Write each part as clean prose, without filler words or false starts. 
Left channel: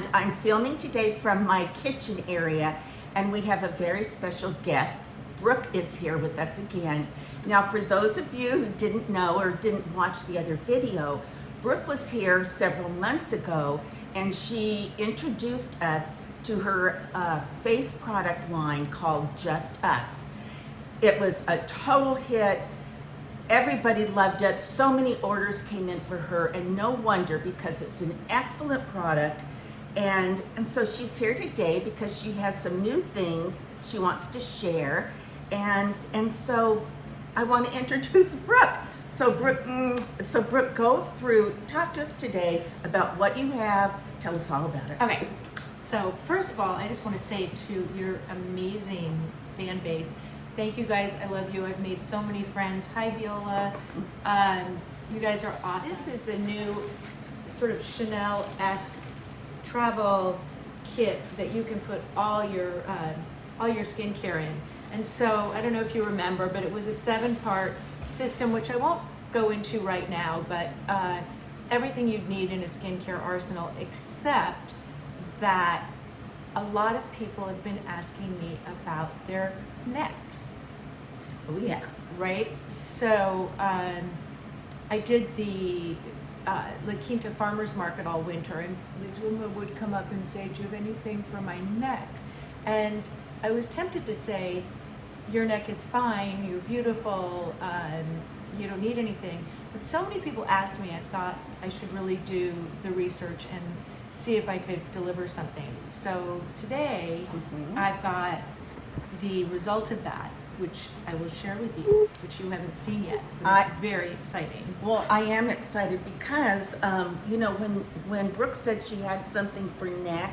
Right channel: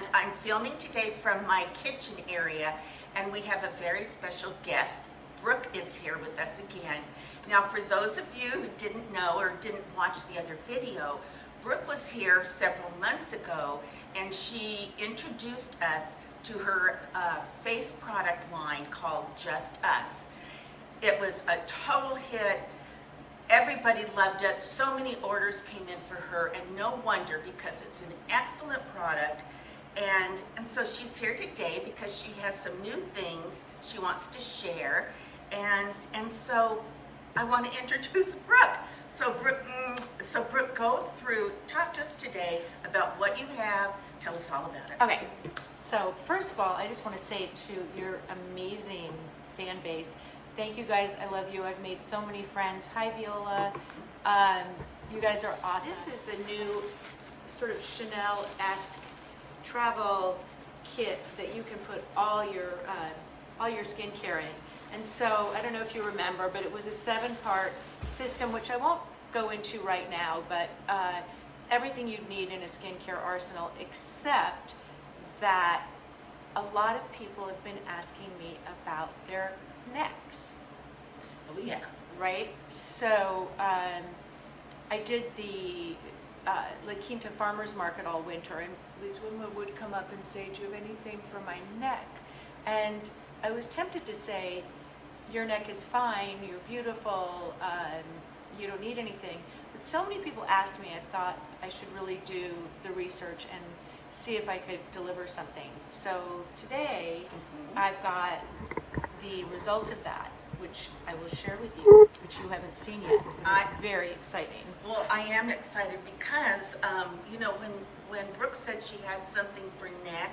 and I'm filming today from my kitchen area, and we have a very special guest. Brooke is here with us again. Now, for those of you who didn't know or didn't watch the other video, Brooke was here several months ago, and she introduced us to her face product line called JustUs. It was a total hit. Everybody loved it. So many orders came in for her, and no wonder, because it's an excellent product. And so she's here today because she has some new things she wants to share. And so I want to introduce Brooke. So Brooke, talk to us today about what you have. Tell us all about it. Okay, so first of all, I just want to say to your amazing fan base, thank you guys. I love you. I've made so many friends. Hi, Viola. You guys are awesome. This is the new sort of Chanel-esque travel kit that you can put all your skincare in. And so I don't know if you remember, but it was a 7-part system, which I won't go into right now, but everything you'd need in a skincare arsenal, except that a lot of people have been asking me about their necks. Oh yeah. Right? So I did the La Quinta Farmers Market all winter, and these women would come up and say, do you have anything for my neck? And I was tempted to say, your neck is fine, you're beautiful, you don't need anything. But so many people asked me, I thought I should really do the research and see if I could deliver something. So today, I've got the result of that, which I will share with you, which you haven't seen yet. But it's very exciting. Well, I am excited because, you know, when Brooke said she had something for neck,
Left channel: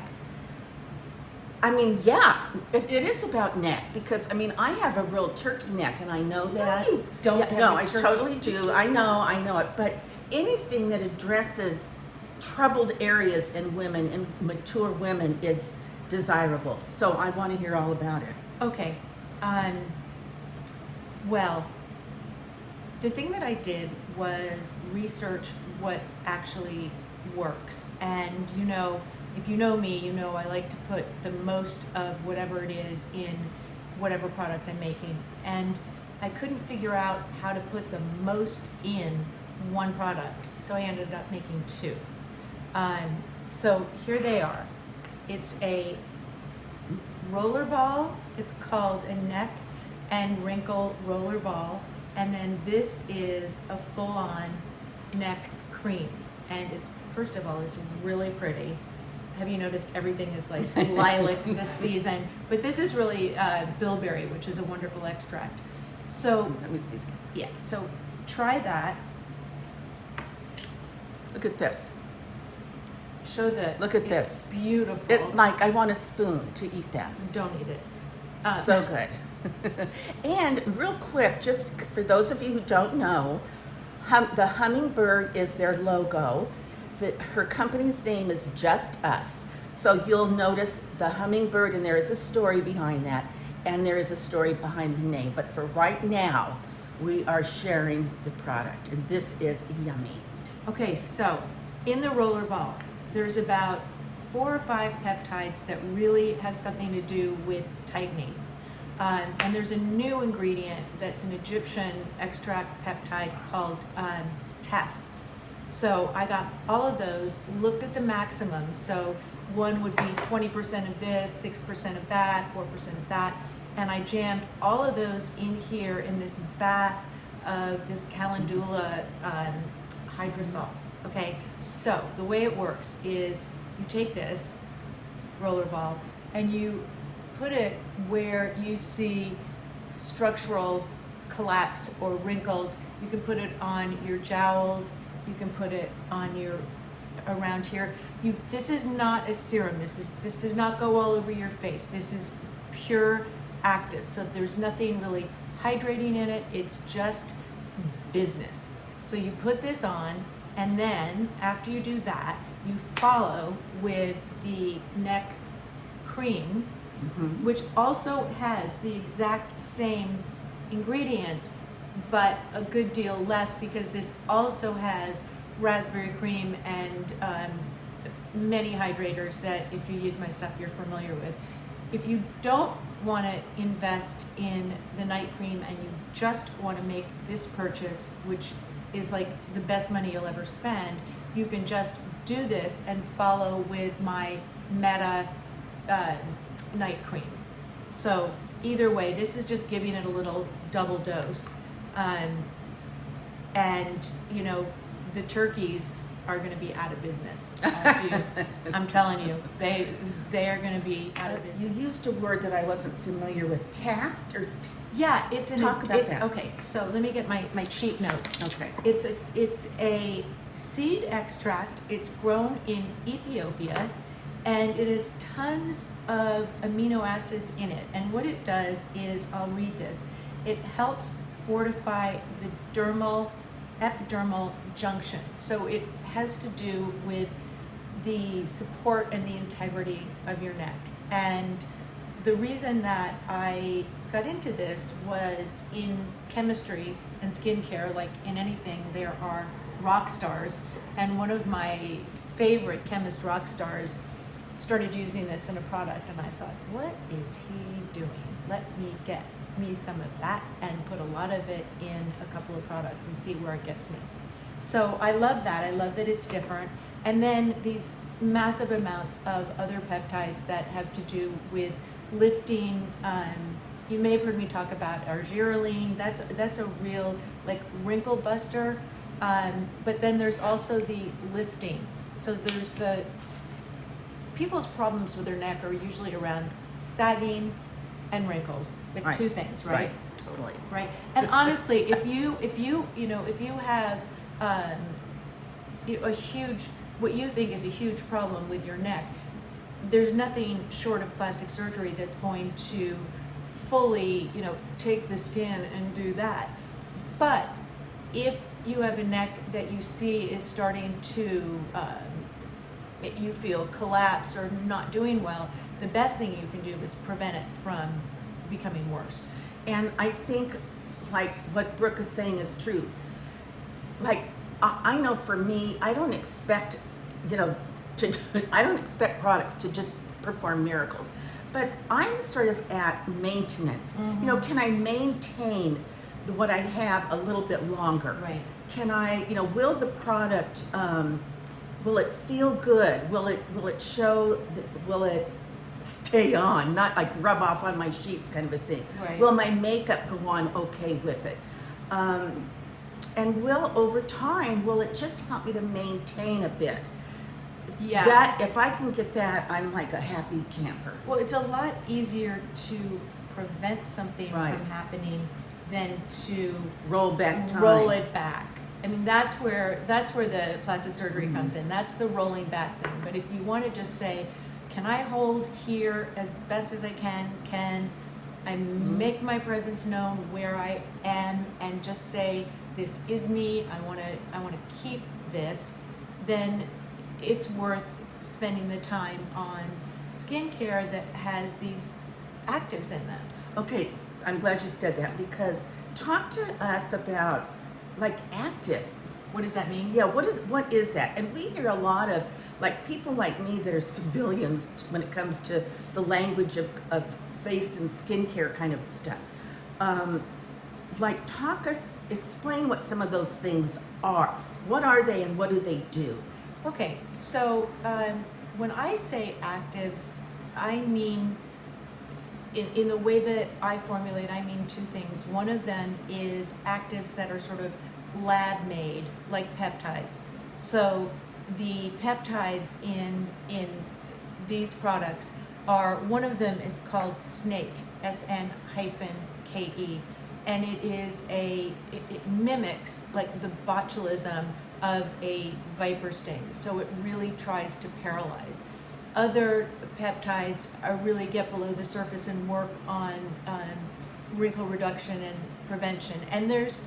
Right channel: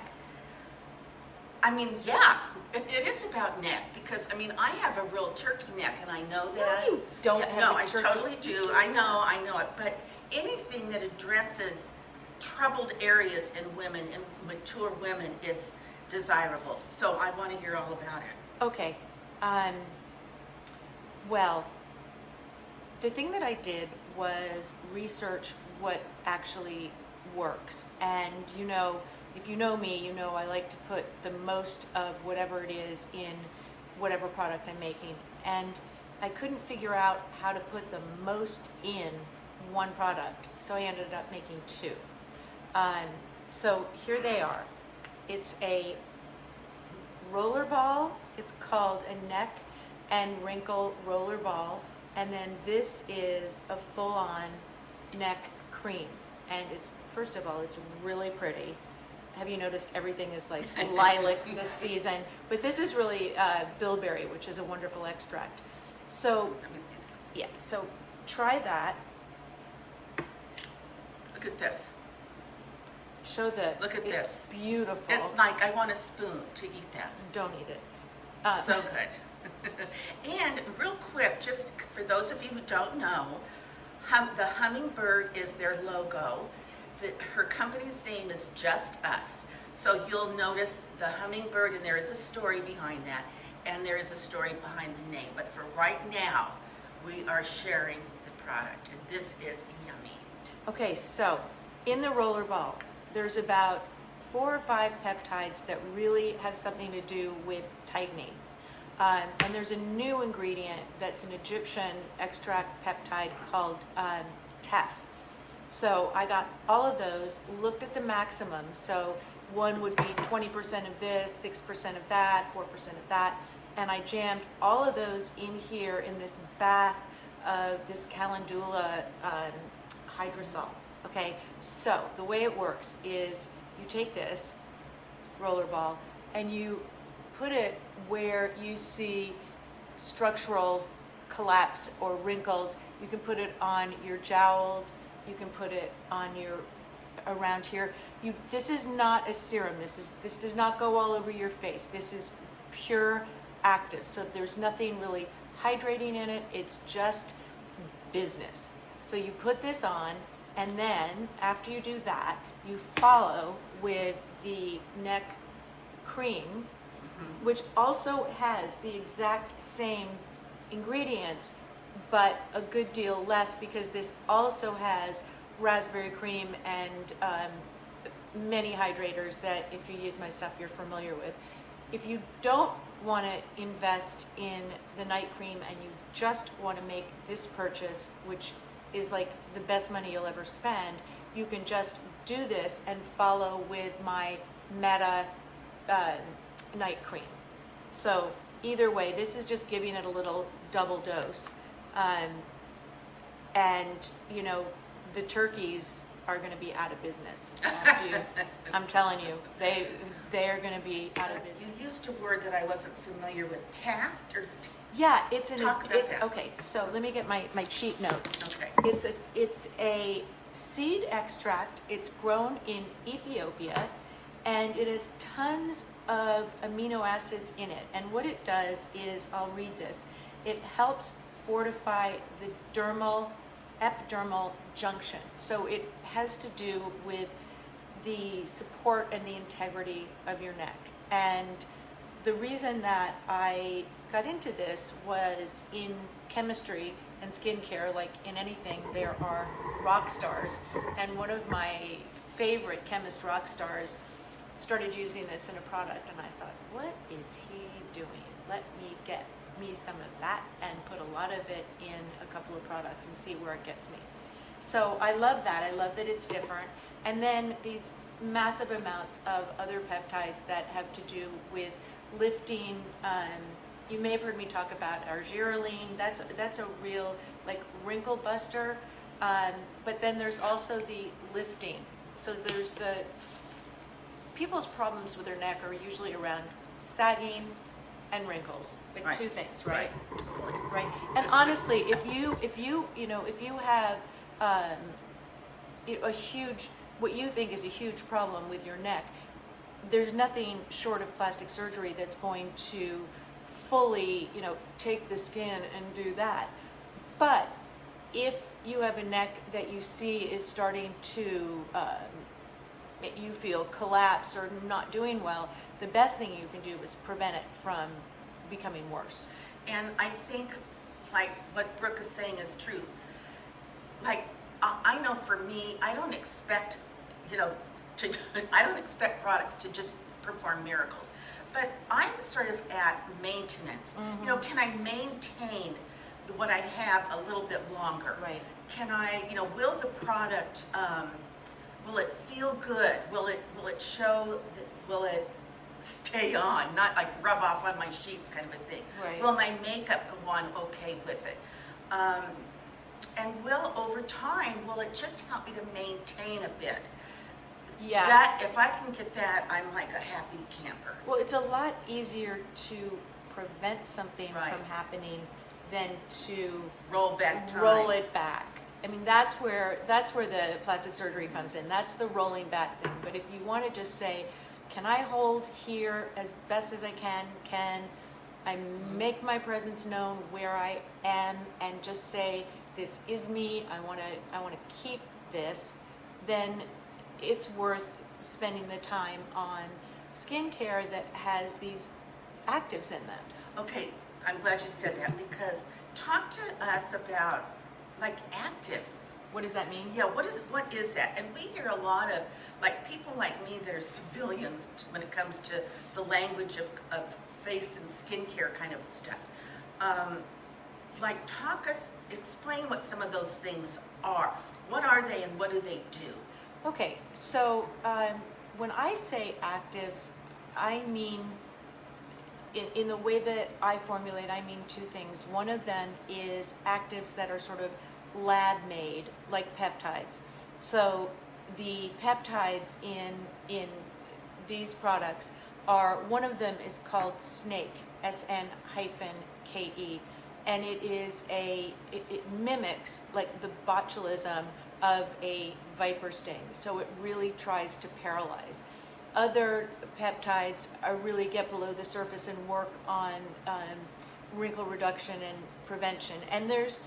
I mean, yeah, it is about neck, because I mean, I have a real turkey neck, and I know that. No, you don't. Yeah, no, I totally do. I know it. But anything that addresses troubled areas in women and mature women is desirable. So I want to hear all about it. Okay. Well, the thing that I did was research what actually works. And you know, if you know me, you know I like to put the most of whatever it is in whatever product I'm making. And I couldn't figure out how to put the most in one product, so I ended up making 2. So here they are. It's a roller ball. It's called a neck and wrinkle roller ball. And then this is a full-on neck cream. And it's, first of all, it's really pretty. Have you noticed everything is like lilac this season? But this is really bilberry, which is a wonderful extract. So, Let me see this. yeah, so try that. Look at this. Show that. Look at it's this. Beautiful. Like, I want a spoon to eat that. You don't eat it. So good. And real quick, just for those of you who don't know, the hummingbird is their logo. Her company's name is JustUs. So you'll notice the hummingbird, and there is a story behind that, and there is a story behind the name. But for right now, we are sharing the product, and this is yummy. Okay, so in the roller ball, there's about 4 or 5 peptides that really have something to do with tightening. And there's a new ingredient that's an Egyptian extract peptide called teff. So I got all of those, looked at the maximum. So one would be 20% of this, 6% of that, 4% of that. And I jammed all of those in here in this bath of this calendula hydrosol. Okay, so the way it works is you take this roller ball and you put it where you see structural collapse or wrinkles. You can put it on your jowls. You can put it on your, around here. This is not a serum. This does not go all over your face. This is pure active. So there's nothing really hydrating in it. It's just business. So you put this on, and then after you do that, you follow with the neck cream, which also has the exact same ingredients, but a good deal less, because this also has raspberry cream and many hydrators that if you use my stuff you're familiar with. If you don't want to invest in the night cream and you just want to make this purchase, which is like the best money you'll ever spend, you can just do this and follow with my Meta night cream. So either way, this is just giving it a little double dose. And you know, the turkeys are going to be out of business. I'm telling you, they are going to be out of business. You used a word that I wasn't familiar with, taft or yeah, it's an talk about that. Okay, so let me get my cheat notes. Okay. It's a seed extract. It's grown in Ethiopia, and it has tons of amino acids in it. And what it does is, I'll read this. It helps fortify the epidermal junction. So it has to do with the support and the integrity of your neck. And the reason that I got into this was in chemistry and skincare, like in anything, there are rock stars. And one of my favorite chemist rock stars started using this in a product, and I thought, what is he doing? Let me get me some of that and put a lot of it in a couple of products and see where it gets me. So I love that. I love that it's different. And then these massive amounts of other peptides that have to do with lifting. You may have heard me talk about argireline. That's a real like wrinkle buster. But then there's also the lifting. So there's the people's problems with their neck are usually around sagging and wrinkles, like right. two things, right? Totally. Right. And honestly, if you have a huge, what you think is a huge problem with your neck, there's nothing short of plastic surgery that's going to fully, take the skin and do that. But if you have a neck that you see is starting to, you feel collapse or not doing well, the best thing you can do is prevent it from becoming worse. And I think, like what Brooke is saying is true. Like, I know for me, I don't expect, I don't expect products to just perform miracles. But I'm sort of at maintenance. Mm-hmm. Can I maintain what I have a little bit longer? Right. Can I, will the product, will it feel good? Will it show, will it stay on, not like rub off on my sheets kind of a thing? Right. Will my makeup go on okay with it? And over time, will it just help me to maintain a bit? Yeah. That, if I can get that, I'm like a happy camper. Well, it's a lot easier to prevent something Right. from happening than to Roll back time. roll it back. I mean, that's where the plastic surgery comes in. That's the rolling back thing. But if you want to just say, can I hold here as best as I can? Can I make my presence known where I am and just say, this is me, I want to keep this, then it's worth spending the time on skincare that has these actives in them. Okay, I'm glad you said that, because talk to us about like actives. What does that mean? Yeah, what is that? And we hear a lot of like people like me that are civilians when it comes to the language of face and skincare kind of stuff. Explain what some of those things are. What are they and what do they do? Okay, so when I say actives, I mean, in the way that I formulate, I mean two things. One of them is actives that are sort of lab made, like peptides. So the peptides in these products are, one of them is called SNAKE, SN-KE, and it mimics like the botulism of a viper sting. So it really tries to paralyze. Other peptides really get below the surface and work on wrinkle reduction and prevention. And there's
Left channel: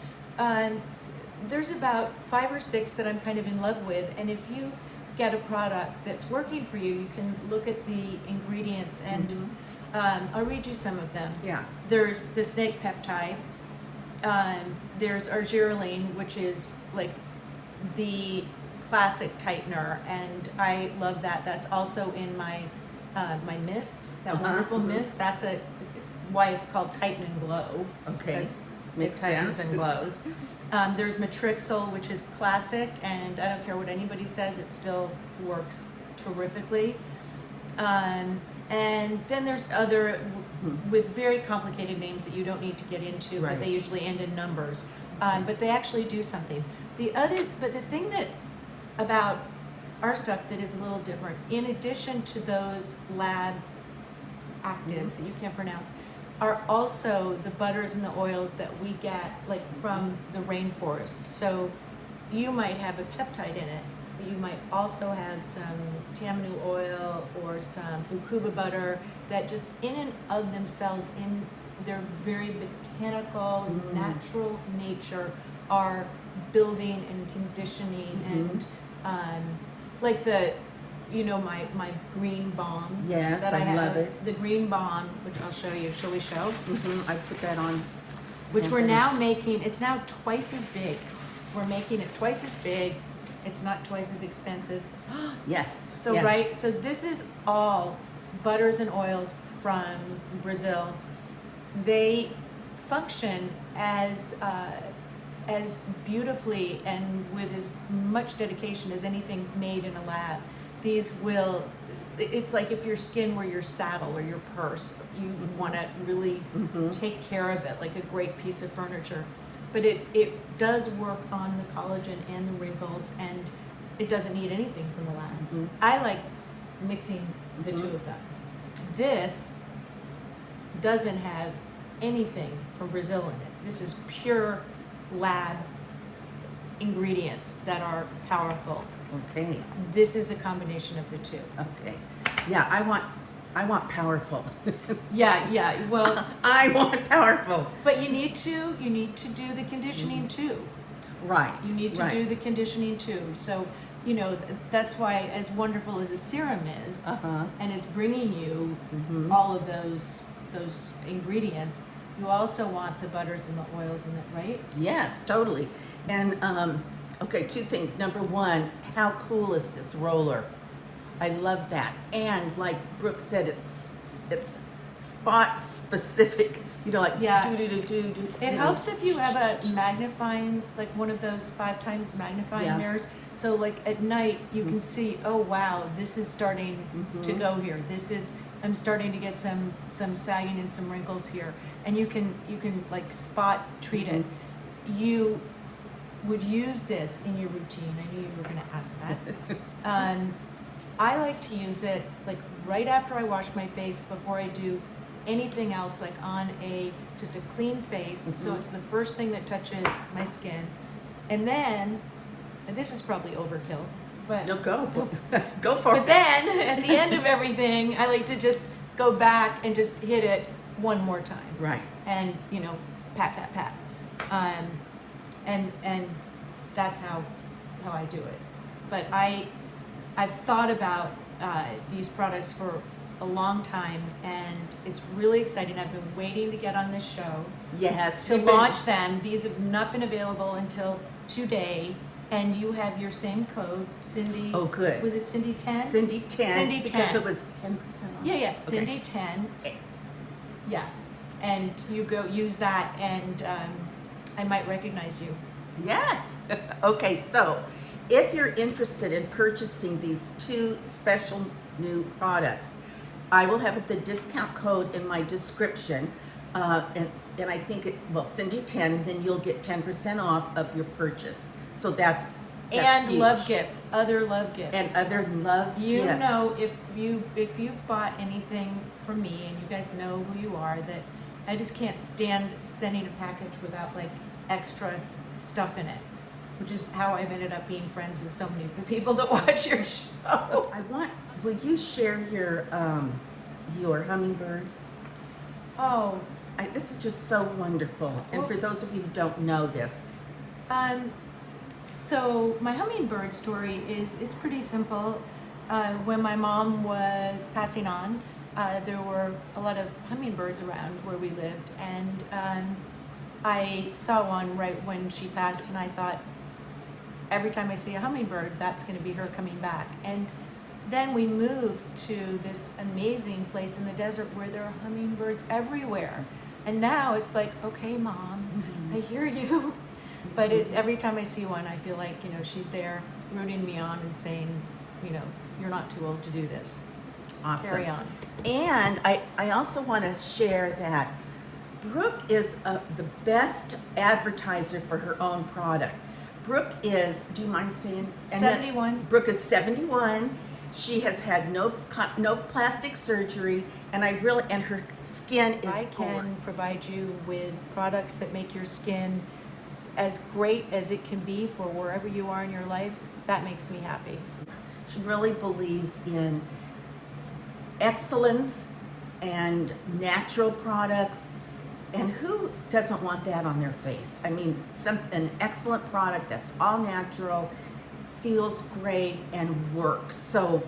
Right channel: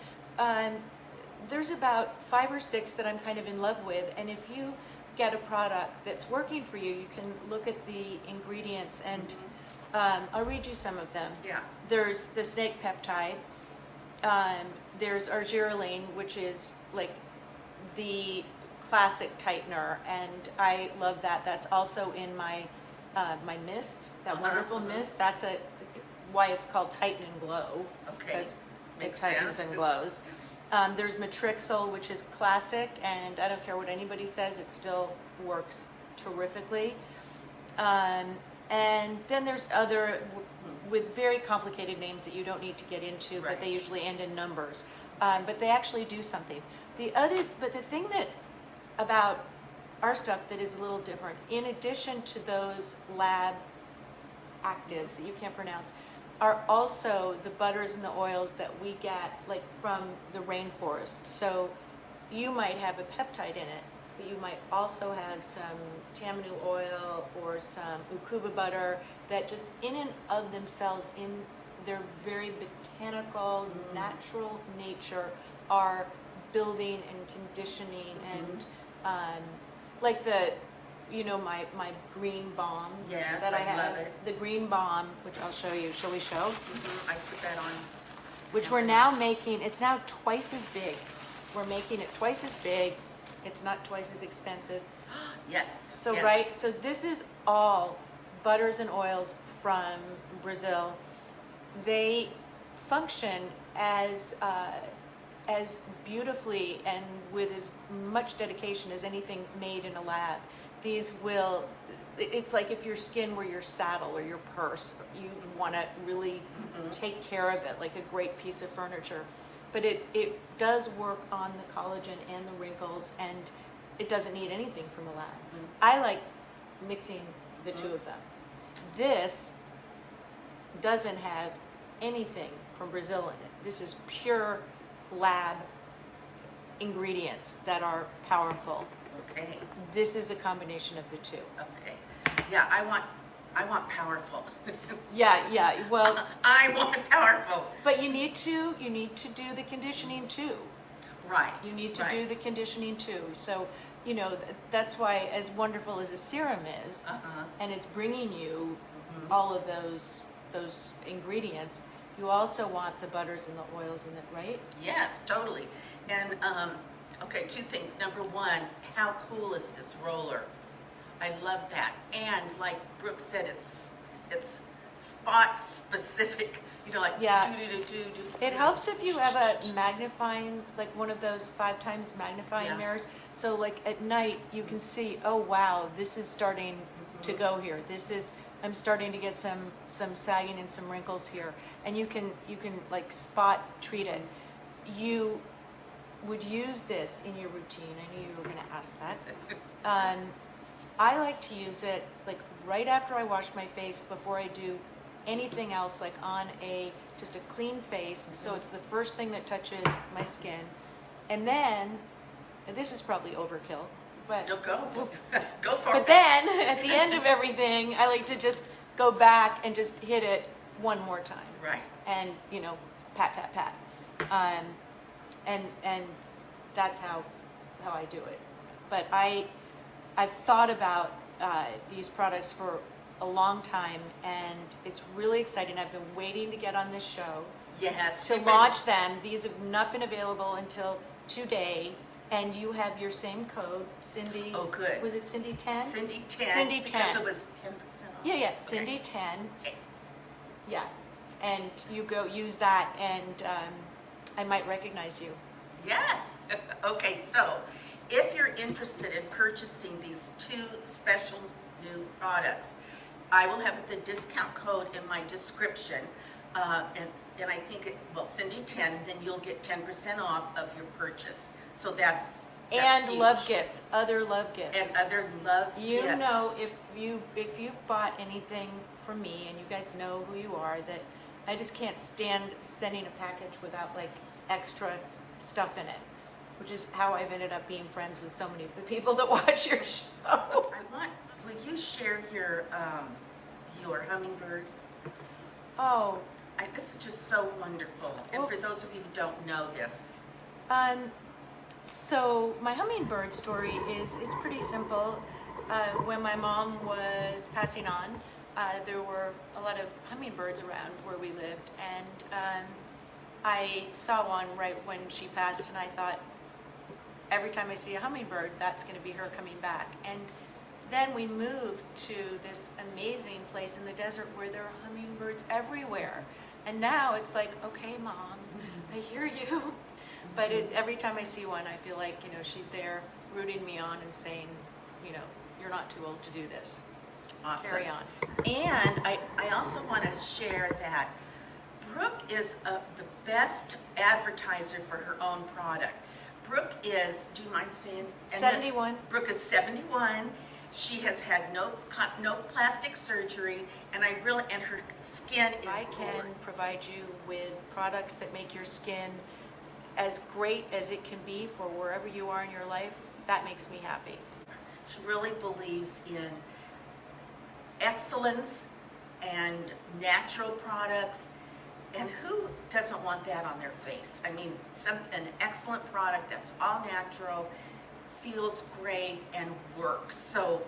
about 5 or 6 that I'm kind of in love with. And if you get a product that's working for you, you can look at the ingredients and I'll read you some of them. Yeah. There's the SNAKE peptide. There's argireline, which is like the classic tightener, and I love that. That's also in my my mist, that wonderful mist. That's why it's called Tighten and Glow. Okay, Because it makes tightens sense. and glows. There's Matrixyl, which is classic, and I don't care what anybody says, it still works terrifically. And then there's other with very complicated names that you don't need to get into, Right. but they usually end in numbers. But they actually do something. But the thing that about our stuff that is a little different, in addition to those lab actives that you can't pronounce, are also the butters and the oils that we get like from the rainforest. So you might have a peptide in it, but you might also have some tamanu oil or some ukuba butter that just in and of themselves, in their very botanical, natural nature, are building and conditioning and like my green balm. Yes, that I have. love it. The green balm, which I'll show you. Shall we show? I put that on. Which we're Okay. now making. It's now twice as big. We're making it twice as big. It's not twice as expensive. Yes. So yes. right. So this is all butters and oils from Brazil. They function as beautifully and with as much dedication as anything made in a lab. These will, it's like if your skin were your saddle or your purse, you want to really take care of it like a great piece of furniture. But it does work on the collagen and the wrinkles, and it doesn't need anything from the lab. I like mixing the two of them. This doesn't have anything from Brazil in it. This is pure lab ingredients that are powerful. Okay. This is a combination of the two. Okay. Yeah, I want powerful. Yeah. Well, I want powerful. but you need to do the conditioning too. Right. You need to right. do the conditioning too. So, that's why, as wonderful as a serum is, and it's bringing you all of those ingredients, you also want the butters and the oils in it, right? Yes, totally. And okay, two things. Number one, how cool is this roller? I love that. And like Brooke said, it's spot specific. Like Yeah. do. It helps if you have a magnifying, like one of those 5 times magnifying Yeah. mirrors. So like at night you can see, oh wow, this is starting to go here. I'm starting to get some sagging and some wrinkles here. And you can like spot treat it. You would use this in your routine. I knew you were gonna ask that. I like to use it like right after I wash my face, before I do anything else, like on just a clean face. So it's the first thing that touches my skin. And then, and this is probably overkill, but No, go for but it. then at the end of everything, I like to just go back and just hit it one more time. Right. And pat. And that's how I do it. But I've thought about these products for a long time, and it's really exciting. I've been waiting to get on this show Yes. to you've been- launch them. These have not been available until today, and you have your same code, Cindy. Oh, good. Was it Cindy 10? Cindy 10. Cindy because 10. it was 10% off. Yeah, Okay. Cindy 10. Yeah, and you go use that, and I might recognize you. Yes. Okay, so if you're interested in purchasing these 2 special new products, I will have the discount code in my description. And I think Cindy 10, then you'll get 10% off of your purchase. So that's And huge. love gifts, other love gifts. And other love You gifts. know, if you've bought anything from me, and you guys know who you are, that I just can't stand sending a package without like extra stuff in it, which is how I've ended up being friends with so many of the people that watch your show. Will you share your hummingbird? Oh, This is just so wonderful. And for those of you who don't know this, so my hummingbird story it's pretty simple. When my mom was passing on, there were a lot of hummingbirds around where we lived, and I saw one right when she passed, and I thought, every time I see a hummingbird, that's going to be her coming back. And then we moved to this amazing place in the desert where there are hummingbirds everywhere. And now it's like, okay, Mom, I hear you. But every time I see one, I feel like, you know, she's there rooting me on and saying, you know, you're not too old to do this. Awesome. Carry on. And I also want to share that Brooke is the best advertiser for her own product. Brooke is, do you mind saying? 71. Brooke is 71. She has had no plastic surgery, and her skin is If I can provide you with products that make your skin as great as it can be for wherever you are in your life, that makes me happy. She really believes in excellence and natural products. And who doesn't want that on their face? I mean, an excellent product that's all natural, feels great, and works. So,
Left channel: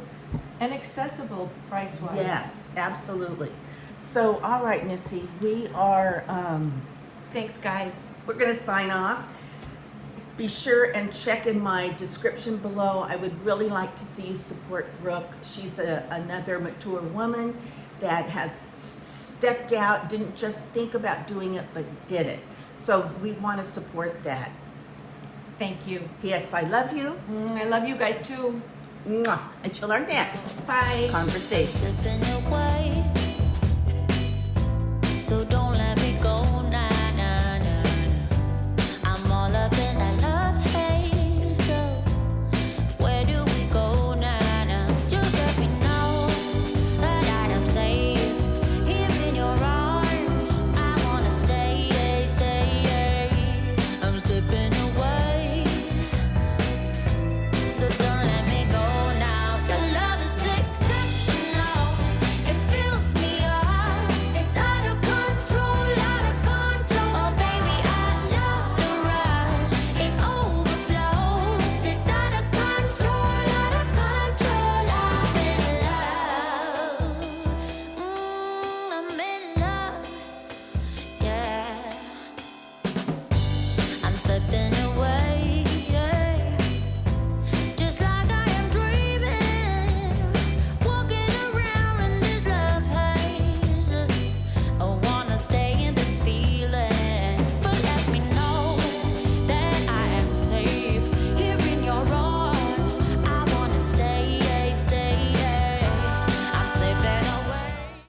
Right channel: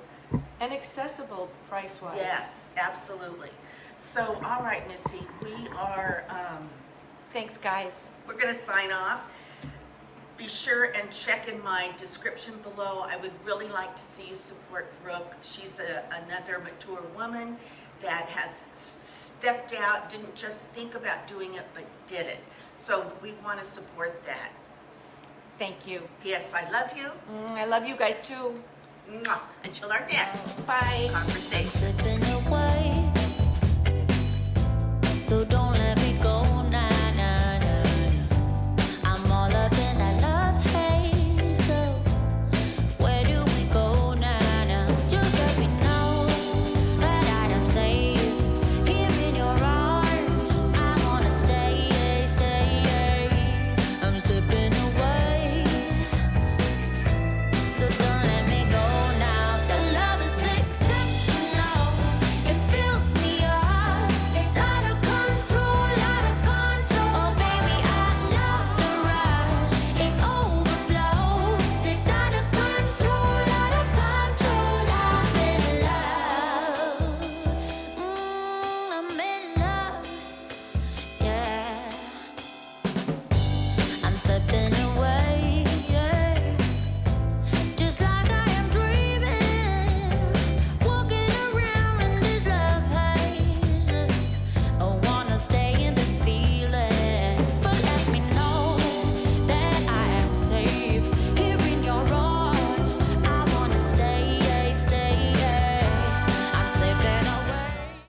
And accessible price-wise. yes, absolutely. So, all right, Missy, we are, Thanks, guys. we're going to sign off. Be sure and check in my description below. I would really like to see you support Brooke. She's another mature woman that has stepped out, didn't just think about doing it, but did it. So we want to support that. Thank you. P.S. I love you. I love you guys too. Mwah. Until our next Bye. conversation. Slipping away, so don't